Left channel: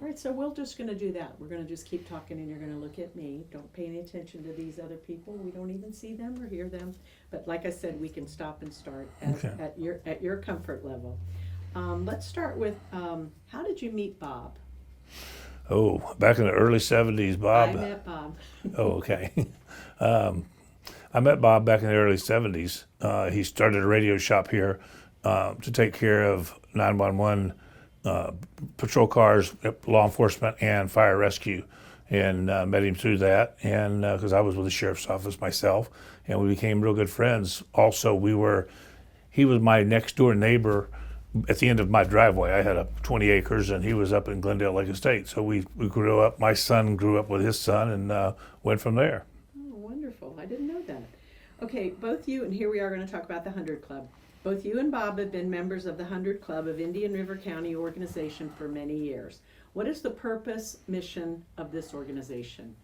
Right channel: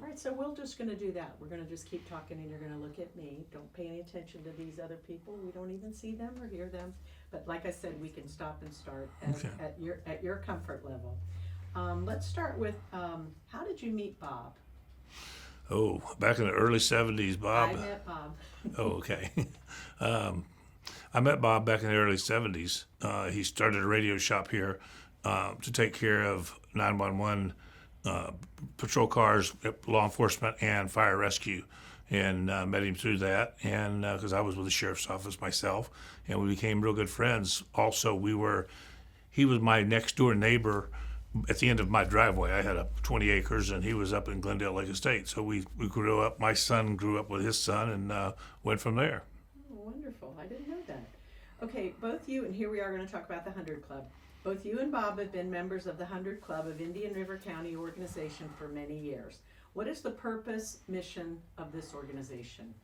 All right, so we're just going to do that. We're going to just keep talking, and you're going to look at me. Don't pay any attention to these other people. We don't even see them or hear them. But like I said, we can stop and start Okay. at your comfort level. Let's start with how did you meet Bob? Oh, back in the early 70s, I Bob. met Bob. Oh, okay. um, I met Bob back in the early 70s. He started a radio shop here to take care of 911 uh, patrol cars, law enforcement, and fire rescue. And met him through that, and because I was with the sheriff's office myself, and we became real good friends. Also, he was my next door neighbor at the end of my driveway. I had 20 acres, and he was up in Glendale Lake Estate. So we grew up. My son grew up with his son, and went from there. Oh, wonderful. I didn't know that. Okay, both you, and here we are going to talk about the 100 Club. Both you and Bob have been members of the 100 Club of Indian River County organization for many years. What is the purpose, mission of this organization?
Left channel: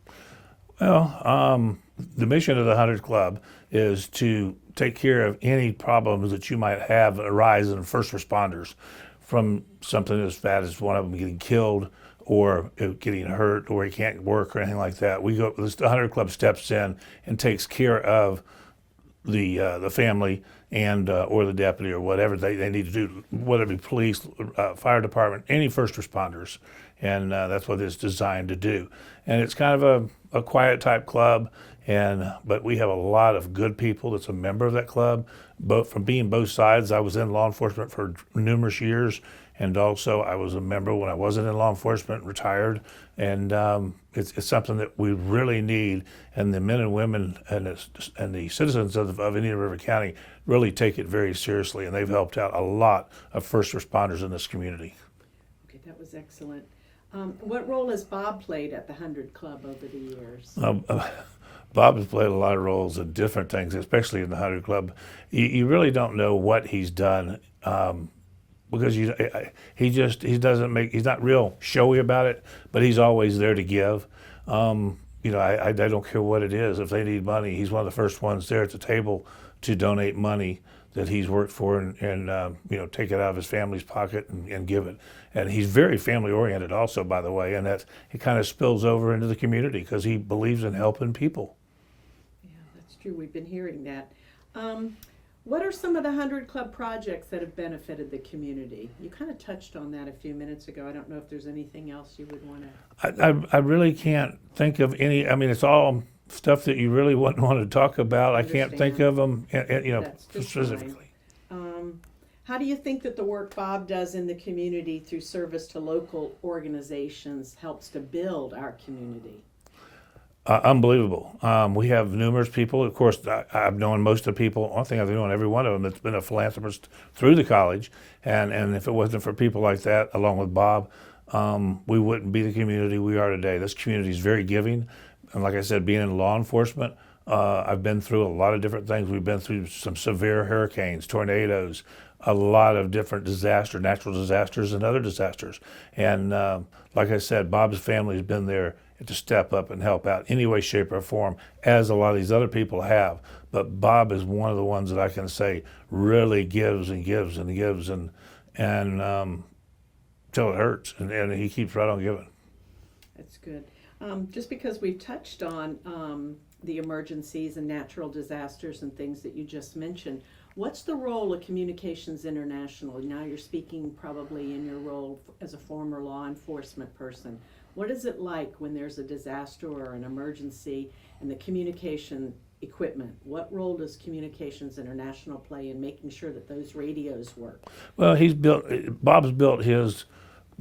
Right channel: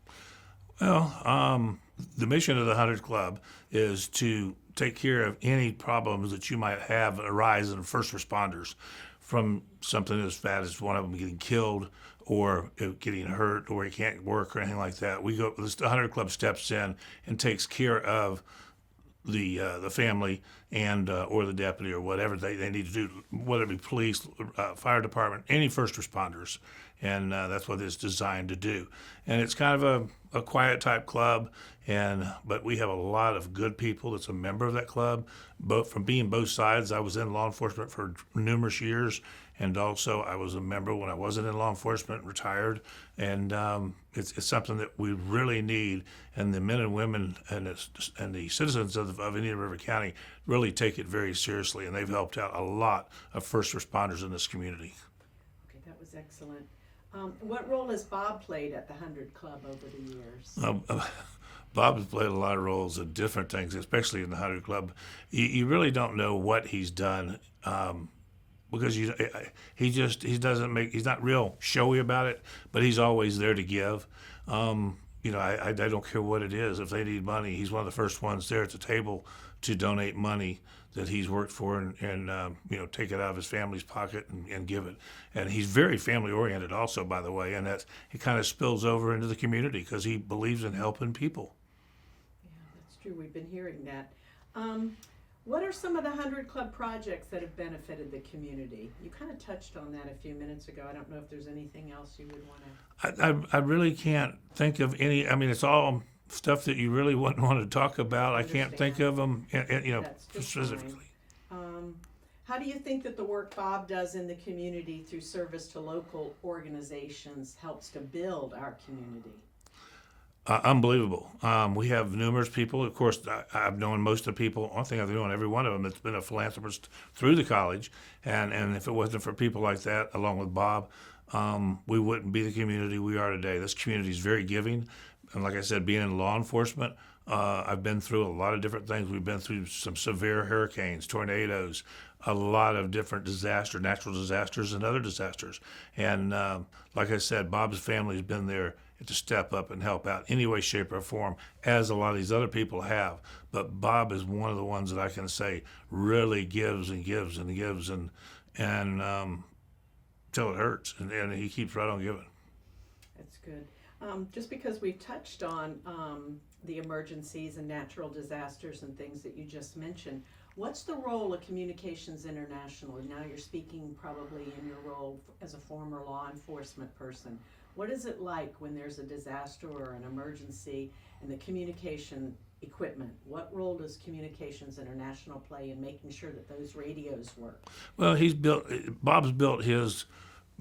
Well, the mission of the 100 Club is to take care of any problems that you might have arise in first responders, from something as bad as one of them getting killed or getting hurt or he can't work or anything like that. The 100 Club steps in and takes care of the family and or the deputy or whatever they need to do, whether it be police, fire department, any first responders, and that's what it's designed to do. And it's kind of a quiet type club, but we have a lot of good people that's a member of that club, both from being both sides. I was in law enforcement for numerous years, and also I was a member when I wasn't in law enforcement, retired, and it's something that we really need, and the men and women and the citizens of Indian River County really take it very seriously, and they've helped out a lot of first responders in this community. Okay, that was excellent. What role has Bob played at the 100 Club over the years? Bob has played a lot of roles in different things, especially in the 100 Club. You really don't know what he's done, because he's not real showy about it, but he's always there to give. I don't care what it is. If they need money, he's one of the first ones there at the table to donate money that he's worked for, and take it out of his family's pocket and give it. And he's very family oriented also, by the way, and that it kind of spills over into the community because he believes in helping people. Yeah, that's true. We've been hearing that. What are some of the 100 Club projects that have benefited the community? You kind of touched on that a few minutes ago. I don't know if there's anything else you would want to. I really can't think of any. I mean, it's all stuff that you really wouldn't want to talk about. I can't think of them, That's just specifically. fine. How do you think that the work Bob does in the community through service to local organizations helps to build our community? Unbelievable. We have numerous people. Of course, I've known most of the people. I think I've known every one of them that's been a philanthropist through the college. And if it wasn't for people like that, along with Bob, we wouldn't be the community we are today. This community is very giving. And like I said, being in law enforcement, I've been through a lot of different things. We've been through some severe hurricanes, tornadoes, a lot of different disasters, natural disasters, and other disasters. And like I said, Bob's family has been there to step up and help out any way, shape, or form, as a lot of these other people have. But Bob is one of the ones that I can say really gives and gives and gives and till it hurts, and he keeps right on giving. That's good. Just because we've touched on the emergencies and natural disasters and things that you just mentioned, what's the role of Communications International? Now you're speaking probably in your role as a former law enforcement person. What is it like when there's a disaster or an emergency and the communication equipment? What role does Communications International play in making sure that those radios work? Well, Bob's built his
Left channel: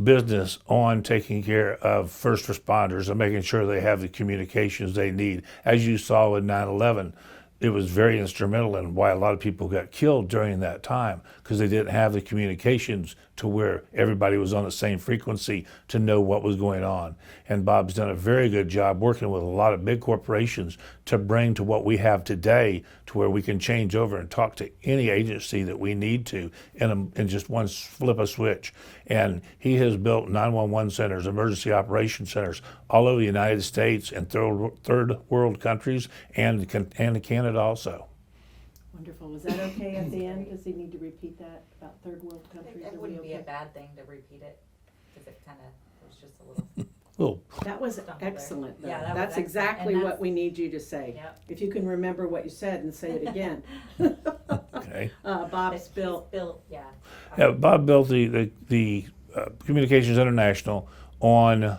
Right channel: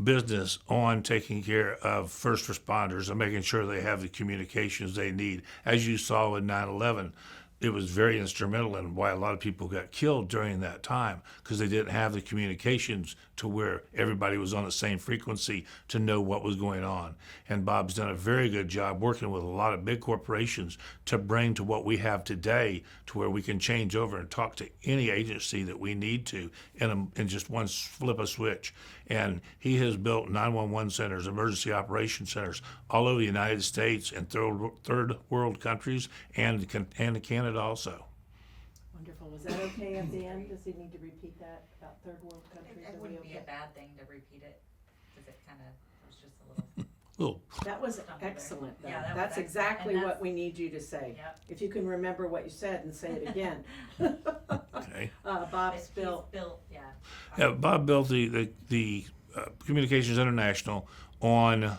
business on taking care of first responders and making sure they have the communications they need. As you saw with 9/11, it was very instrumental in why a lot of people got killed during that time, because they didn't have the communications to where everybody was on the same frequency to know what was going on. And Bob's done a very good job working with a lot of big corporations to bring to what we have today, to where we can change over and talk to any agency that we need to in just one flip of switch. And he has built 911 centers, emergency operation centers all over the United States and third world countries and Canada also. Wonderful. Was that okay at the end? Does he need to repeat that about third world countries? It wouldn't be a bad thing to repeat it, because kind of, it was just a little. Oh, That was Stumble there. excellent, though. Yeah, that was That's excellent. exactly And what we need you to say. Yep. If you can remember what you said and say it again. okay. Bob's built, Yeah. Yeah, Bob built the Communications International on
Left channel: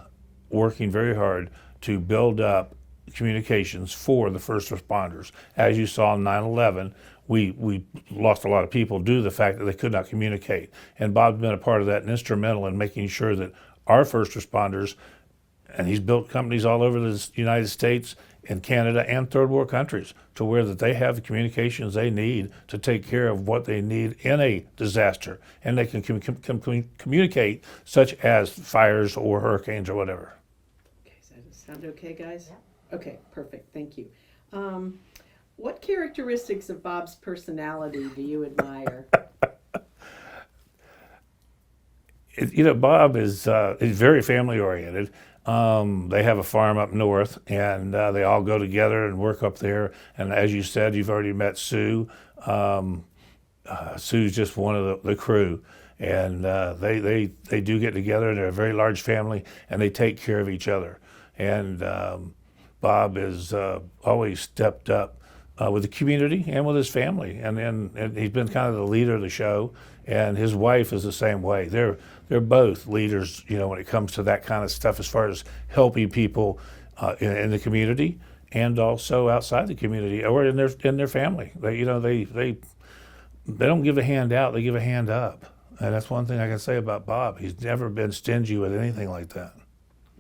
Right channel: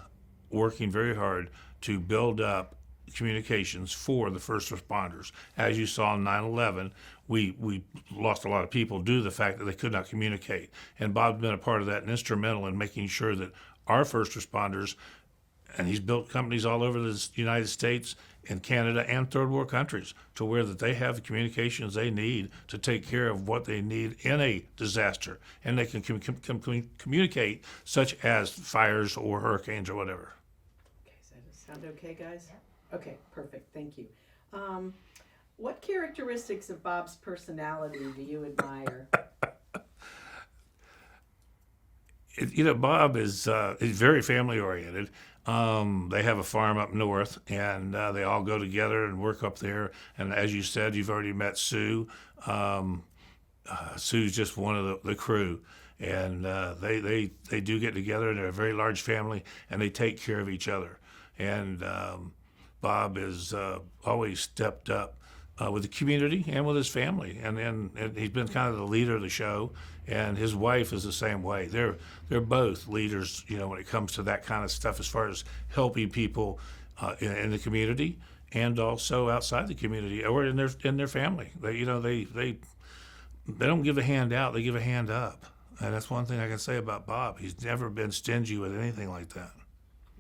working very hard to build up communications for the first responders. As you saw in 9/11, we lost a lot of people due to the fact that they could not communicate. And Bob's been a part of that and instrumental in making sure that our first responders, and he's built companies all over the United States and Canada and third world countries to where that they have the communications they need to take care of what they need in a disaster, and they can communicate, such as fires or hurricanes or whatever. okay, does that sound okay, guys? Yeah. Okay, perfect, thank you. What characteristics of Bob's personality do you admire? Bob is very family oriented. They have a farm up north, and they all go together and work up there. And as you said, you've already met Sue. Sue's just one of the crew, and they do get together. They're a very large family, and they take care of each other. And Bob has always stepped up with the community and with his family, and he's been kind of the leader of the show. And his wife is the same way. They're both leaders, when it comes to that kind of stuff, as far as helping people in the community and also outside the community or in their family. They don't give a hand out; they give a hand up, and that's one thing I can say about Bob. He's never been stingy with anything like that.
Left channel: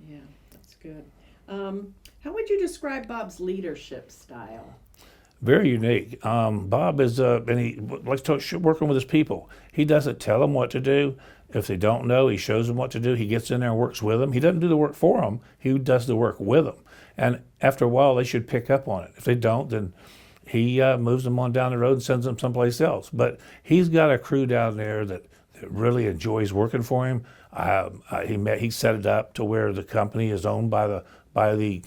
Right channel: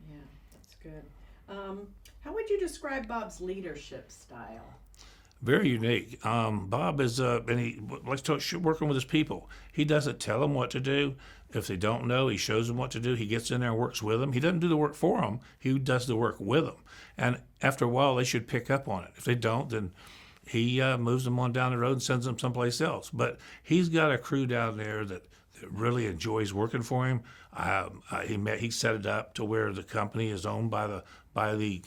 Yeah, that's good. How would you describe Bob's leadership style? Very unique. Bob is, and he likes to working with his people. He doesn't tell them what to do. If they don't know, he shows them what to do. He gets in there and works with them. He doesn't do the work for them. He does the work with them. And after a while, they should pick up on it. If they don't, then he moves them on down the road and sends them someplace else. But he's got a crew down there that really enjoys working for him. He set it up to where the company is owned by the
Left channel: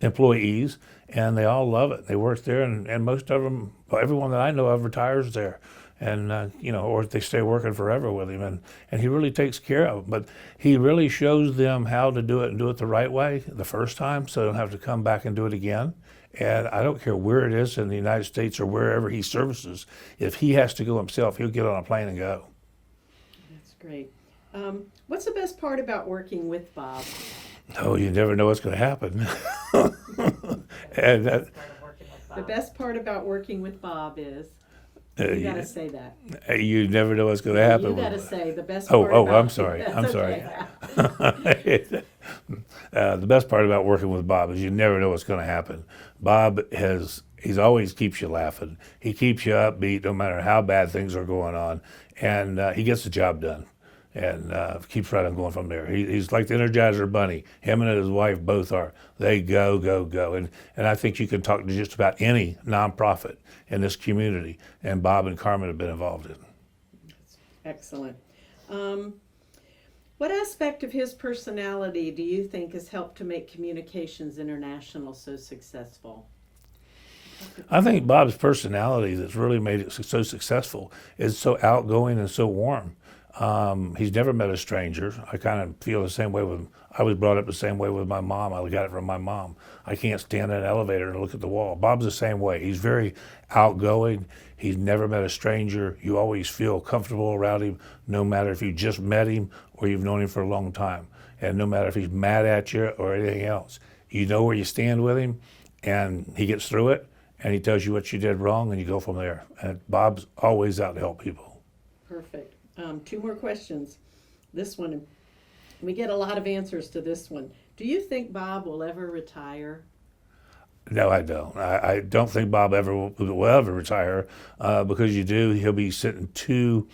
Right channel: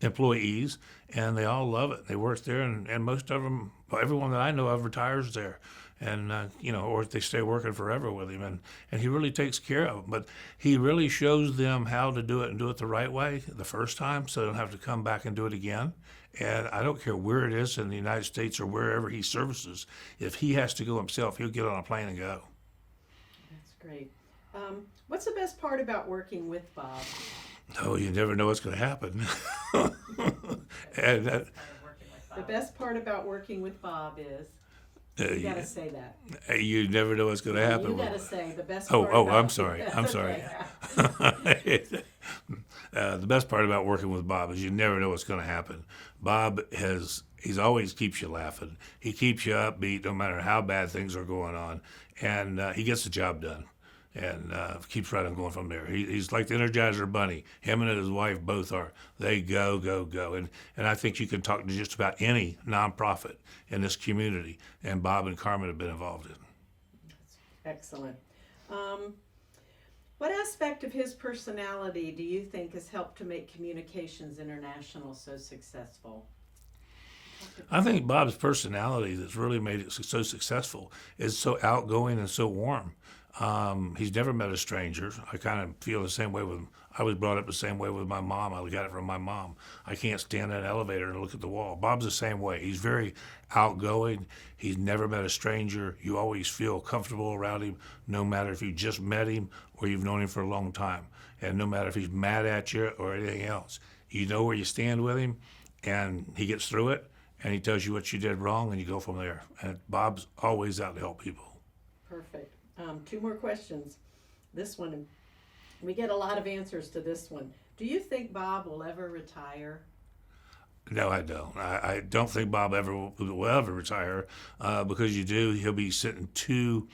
employees, and they all love it. They work there, and most of them, everyone that I know of, retires there, and or they stay working forever with him, and he really takes care of them. But he really shows them how to do it and do it the right way the first time, so they don't have to come back and do it again. And I don't care where it is in the United States or wherever he services. If he has to go himself, he'll get on a plane and go. That's great. What's the best part about working with Bob? Oh, you never know what's going to happen. And that, The best part about working with Bob is, you gotta say that. you never know what's going to happen. You gotta say the best Oh, part oh, about. I'm sorry. That's I'm sorry. okay. The best part about working with Bob is you never know what's going to happen. Bob he's always keeps you laughing. He keeps you upbeat no matter how bad things are going on, and he gets the job done, and keeps right on going from there. He's like the Energizer Bunny. Him and his wife both are. They go, go, go, and I think you can talk to just about any nonprofit in this community, and Bob and Carmen have been involved in. Excellent. What aspect of his personality do you think has helped to make Communications International so successful? I think Bob's personality that's really made it so successful is so outgoing and so warm. He's never met a stranger. I kind of feel the same way I was brought up the same way with my mom. I got it from my mom. I can't stand in an elevator and look at the wall. Bob's the same way. He's very outgoing. He's never met a stranger. You always feel comfortable around him, no matter if you just met him or you've known him for a long time. And no matter if he's mad at you or anything else, you know where you stand with him, and he gets through it, and he tells you what you did wrong, and you go from there. And Bob's always out to help people. Perfect. Two more questions. This one, we get a lot of answers to this one. Do you think Bob will ever retire? No, I don't. I don't think Bob will ever retire because he'll be sitting too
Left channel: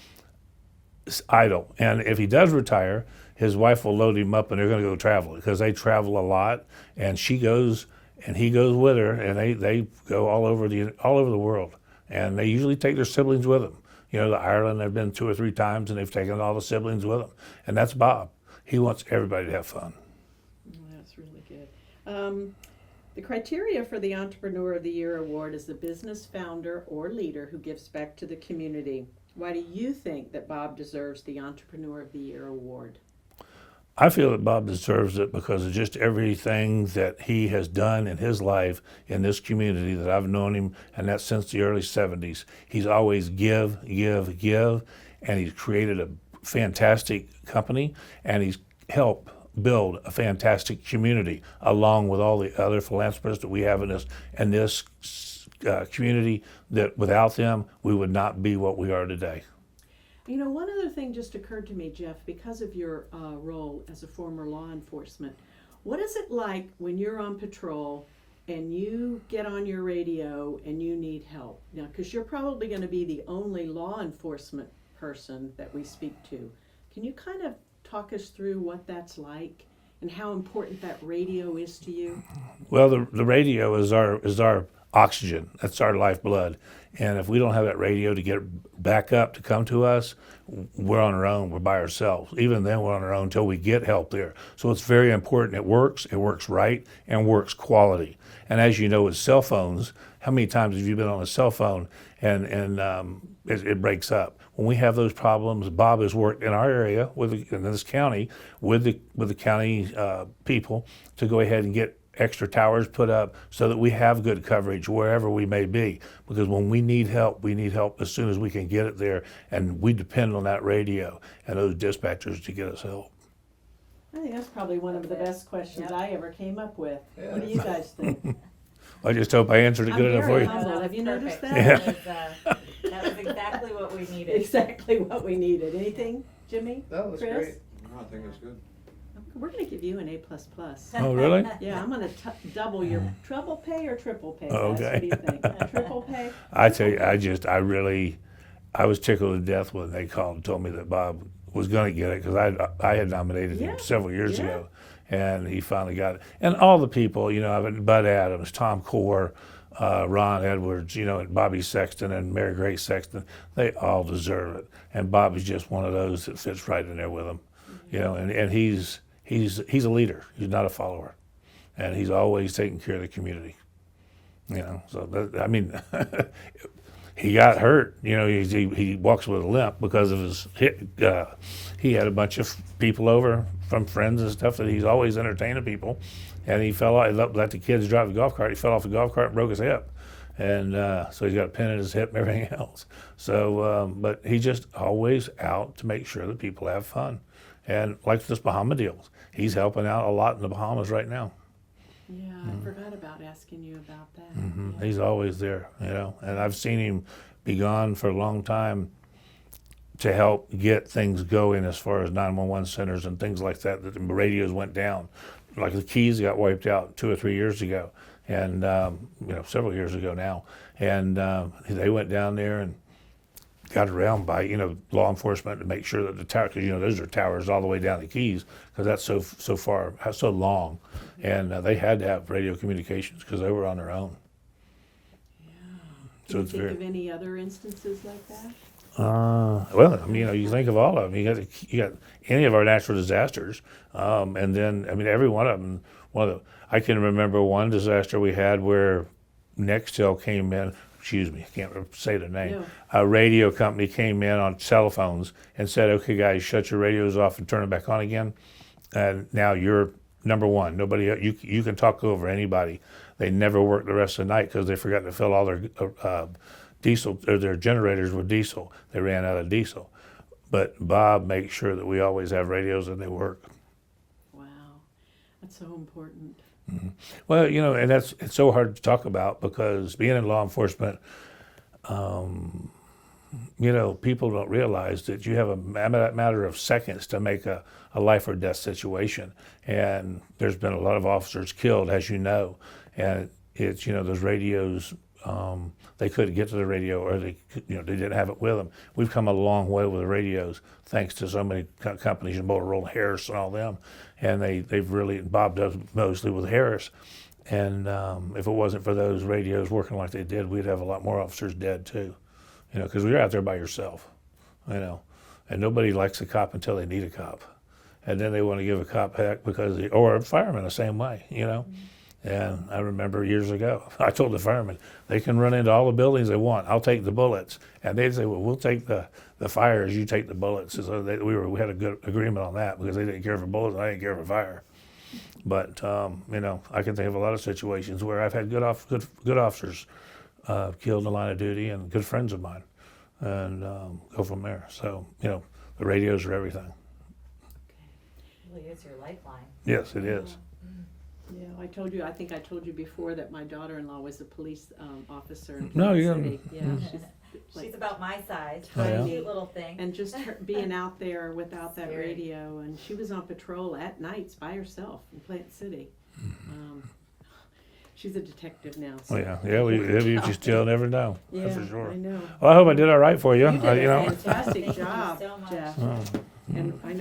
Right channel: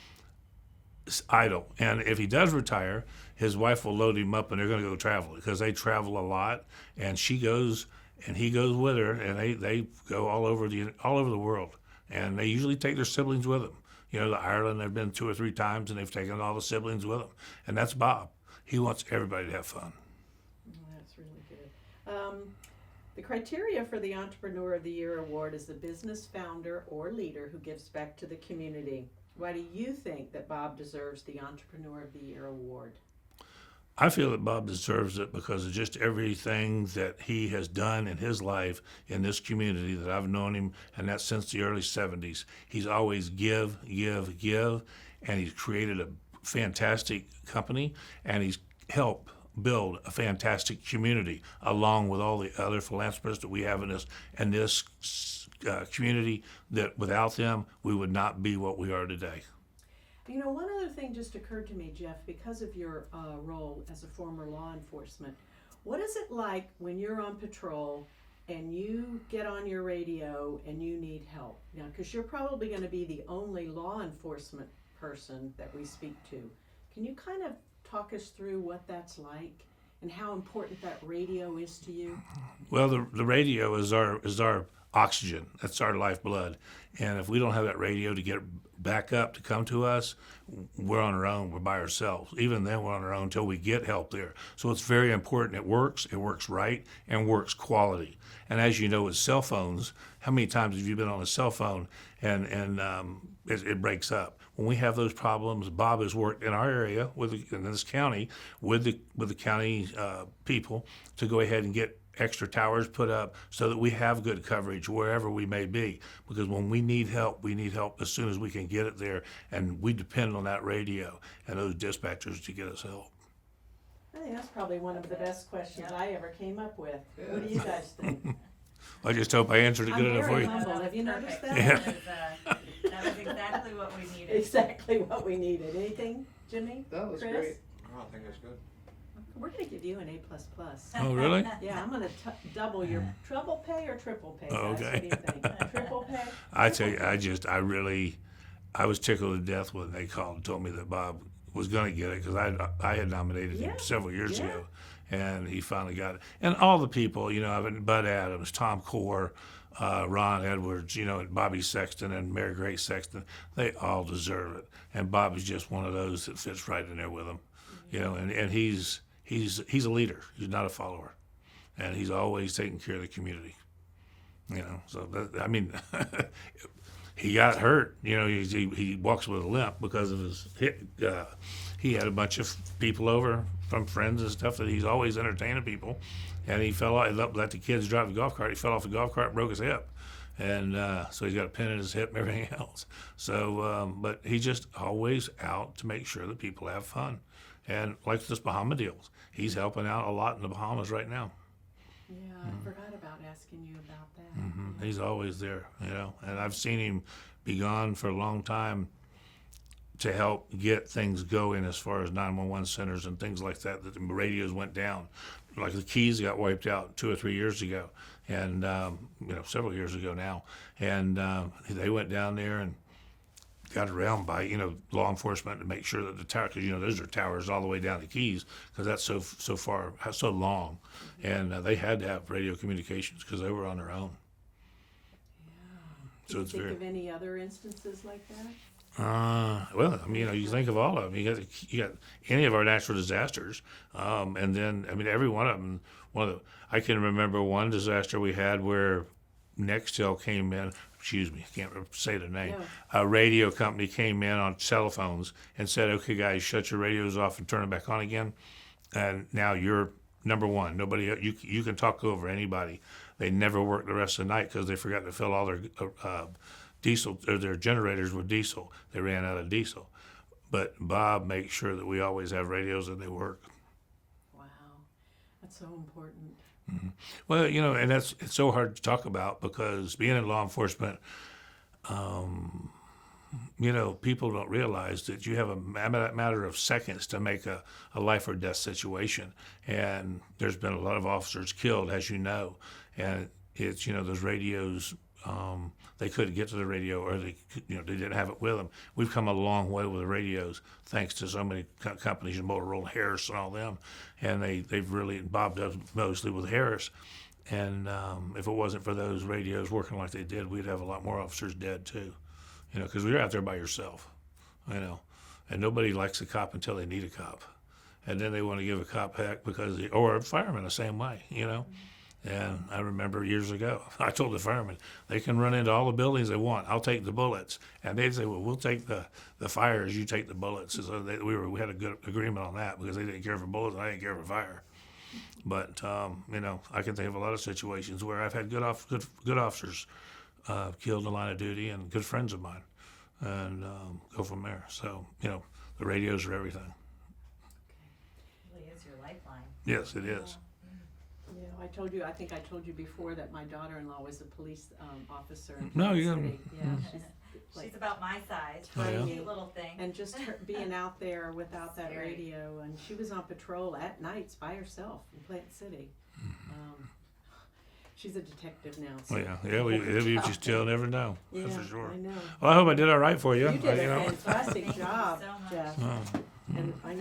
idle. And if he does retire, his wife will load him up and they're going to go travel because they travel a lot. And she goes and he goes with her, and they go all over the world. And they usually take their siblings with them. To Ireland, they've been 2 or 3 times, and they've taken all the siblings with them. And that's Bob. He wants everybody to have fun. That's really good. The criteria for the Entrepreneur of the Year award is the business founder or leader who gives back to the community. Why do you think that Bob deserves the Entrepreneur of the Year award? I feel that Bob deserves it because of just everything that he has done in his life in this community that I've known him, and that's since the early 70s. He's always give, and he's created a fantastic company, and he's helped build a fantastic community along with all the other philanthropists that we have in this community that without them, we would not be what we are today. You know, one other thing just occurred to me, Jeff, because of your role as a former law enforcement. What is it like when you're on patrol and you get on your radio and you need help? Now, because you're probably going to be the only law enforcement person that we speak to. Can you kind of talk us through what that's like and how important that radio is to you? Well, the radio is our oxygen. That's our lifeblood. And if we don't have that radio to get back up to come to us, we're on our own. We're by ourselves. Even then, we're on our own until we get help there. So it's very important. It works right, and works quality. And as you know, with cell phones, how many times have you been on a cell phone and it breaks up? When we have those problems, Bob has worked in our area in this county with the county people to go ahead and get extra towers put up so that we have good coverage wherever we may be. Because when we need help as soon as we can get it there, and we depend on that radio and those dispatchers to get us help. I think that's probably one of the best questions I ever came up with. What do you guys think? I just hope I answered it I'm good enough for very you. humble. Have you noticed that? Yeah. That was exactly what we needed. Exactly what we needed. Anything, Jimmy? That was Chris? great. No, I think it's good. We're going to give you an A++. Oh, really? Yeah, I'm going to double your treble pay or triple pay, guys. Okay. What do you think? Triple pay? I tell you, I was tickled to death when they called and told me that Bob was going to get it because I had nominated him Yeah. several years Yeah. ago, and he finally got it. And all the people, Bud Adams, Tom Core, Ron Edwards, and Bobby Sexton and Mary Grace Sexton, they all deserve it. And Bob is just one of those that fits right in there with them, and he's a leader. He's not a follower, and he's always taking care of the community. He got hurt. He walks with a limp because of his hip. He had a bunch of people over from friends and stuff that he's always entertaining people, and he fell out. He let the kids drive the golf cart. He fell off the golf cart and broke his hip, and so he's got a pin in his hip and everything else. So, but he's just always out to make sure that people have fun, and like this Bahama deals, he's helping out a lot in the Bahamas right now. Yeah, I forgot about asking you about that. Mm-hmm. He's always there, and I've seen him be gone for a long time to help get things going as far as 911 centers and things like that. That the radios went down, like the Keys got wiped out 2 or 3 years ago, and several years ago now, and they went down there and got around by law enforcement to make sure that the tower, because those are towers all the way down the Keys, because that's so far, so long, and they had to have radio communications because they were on their own. Do you think of any other instances like that? Well, you think of all of them. You got any of our natural disasters, and then every one of them. I can remember one disaster we had where Nextel came in. Excuse me, I can't say the name. No. A radio company came in on cell phones and said, "Okay, guys, shut your radios off and turn them back on again." And now you're number one. Nobody, you can talk over anybody. They never worked the rest of the night because they forgot to fill all their diesel, or their generators with diesel. They ran out of diesel. But Bob makes sure that we always have radios and they work. Wow, that's so important. Mm-hmm. Well, and it's so hard to talk about because being in law enforcement, people don't realize that you have a matter of seconds to make a life or death situation. And there's been a lot of officers killed, as you know. And it's, those radios, they couldn't get to the radio, or they didn't have it with them. We've come a long way with the radios, thanks to so many companies, Motorola, Harris, and all them. And they've really, Bob does mostly with Harris. And if it wasn't for those radios working like they did, we'd have a lot more officers dead too. Because you're out there by yourself, and nobody likes a cop until they need a cop. And then they want to give a cop heck or a fireman the same way, And I remember years ago, I told the firemen, they can run into all the buildings they want. I'll take the bullets. And they'd say, well, we'll take the fires, you take the bullets. So we had a good agreement on that because they didn't care for bullets, I didn't care for fire. But, I can think of a lot of situations where I've had good officers killed in the line of duty and good friends of mine, and go from there. So, the radios are everything. It really is your lifeline. Yes, it is. Yeah, I think I told you before that my daughter-in-law was a police officer in No, Plant you City. didn't. Yeah, She's like- about my size, Oh, yeah? cute little thing. and just her being out there without that Scary. radio, and she was on patrol at nights by herself in Plant City. She's a detective now. So. You still never know. Yeah, That's for sure. I know. Well, I hope I did all right for you. You did a you know. fantastic Thank you job, so much. Jeff. And I know